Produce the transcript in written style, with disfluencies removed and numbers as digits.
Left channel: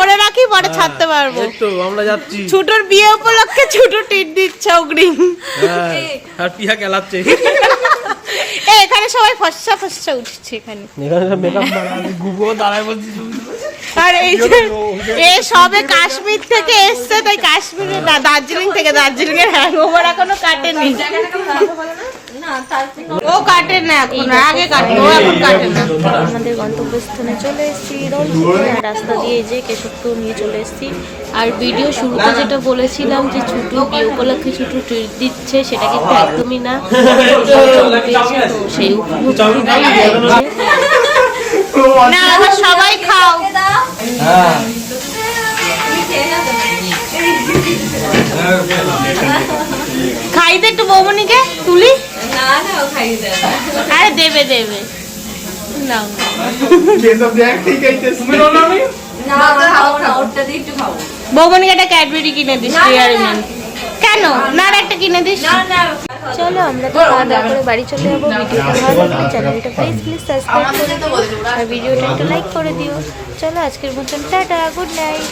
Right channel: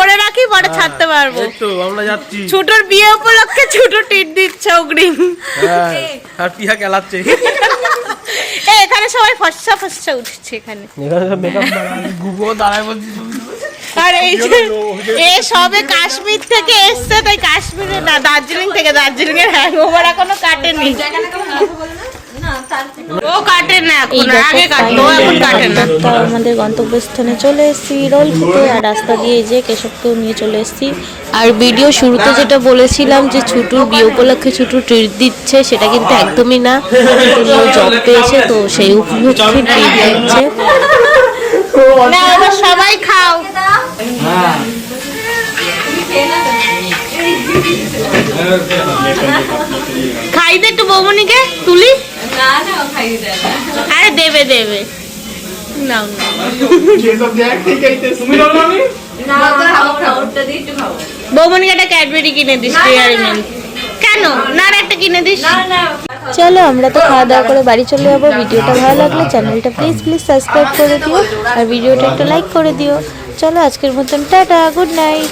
করে রাখি, পরে ছাড়তে পারবো। তো আমরা যাচ্ছি। ছোটর বিয়ে উপলক্ষে ছোট টিট দিচ্ছে অগ্রিম। আর পিয়া খেলাচ্ছে। এখানে সবাই ফর্সা ফর্সা উঠছে এখানে। আর এই এ সবে কাশ্মীর থেকে এসছে, তাই কাশ্মীরে না দার্জিলিং থেকে, দার্জিলিং এর হ্যাংওভার এখনো কাটেনি। ও কাটে না এখন, আগে কাটলো, এখন কাটে না। আমাদের গন্তব্যস্থানে চলে এসেছি রোলপুরে, আর রাস্তা দিয়ে যে কেশবকেও নিয়ে চলে এসেছি। আর ভিডিও শুরুতে যেটা বলেছিলাম যে ছুটুর বিয়ে উপলক্ষে ছুটু ট্রিট দিচ্ছে, সেটা কিন্তু একদমই না, জব পেয়েছে তো সেই উপলক্ষে ট্রিট দিচ্ছে। না এবার সবাই খাও। খাই দে একটু বৌমনিকে তুলি। আরে দেবে দেবে, নাও বৌমনিকে একটা ক্যাডবেরি কিনে দিস, ডেয়ারি মিল্ক। কেন না, আর একটা কিনে দিস। চলো আমরা তো খাওয়া দাওয়া করে বাড়ি চলে যাবো। ভিডিওটা ভালো লাগলে চ্যানেলটা প্লিজ সাবস্ক্রাইব করে দিও, আর ভিডিওটা একটা লাইক করে দিও। চলো আজকের মতন টাটা, গুড নাইট।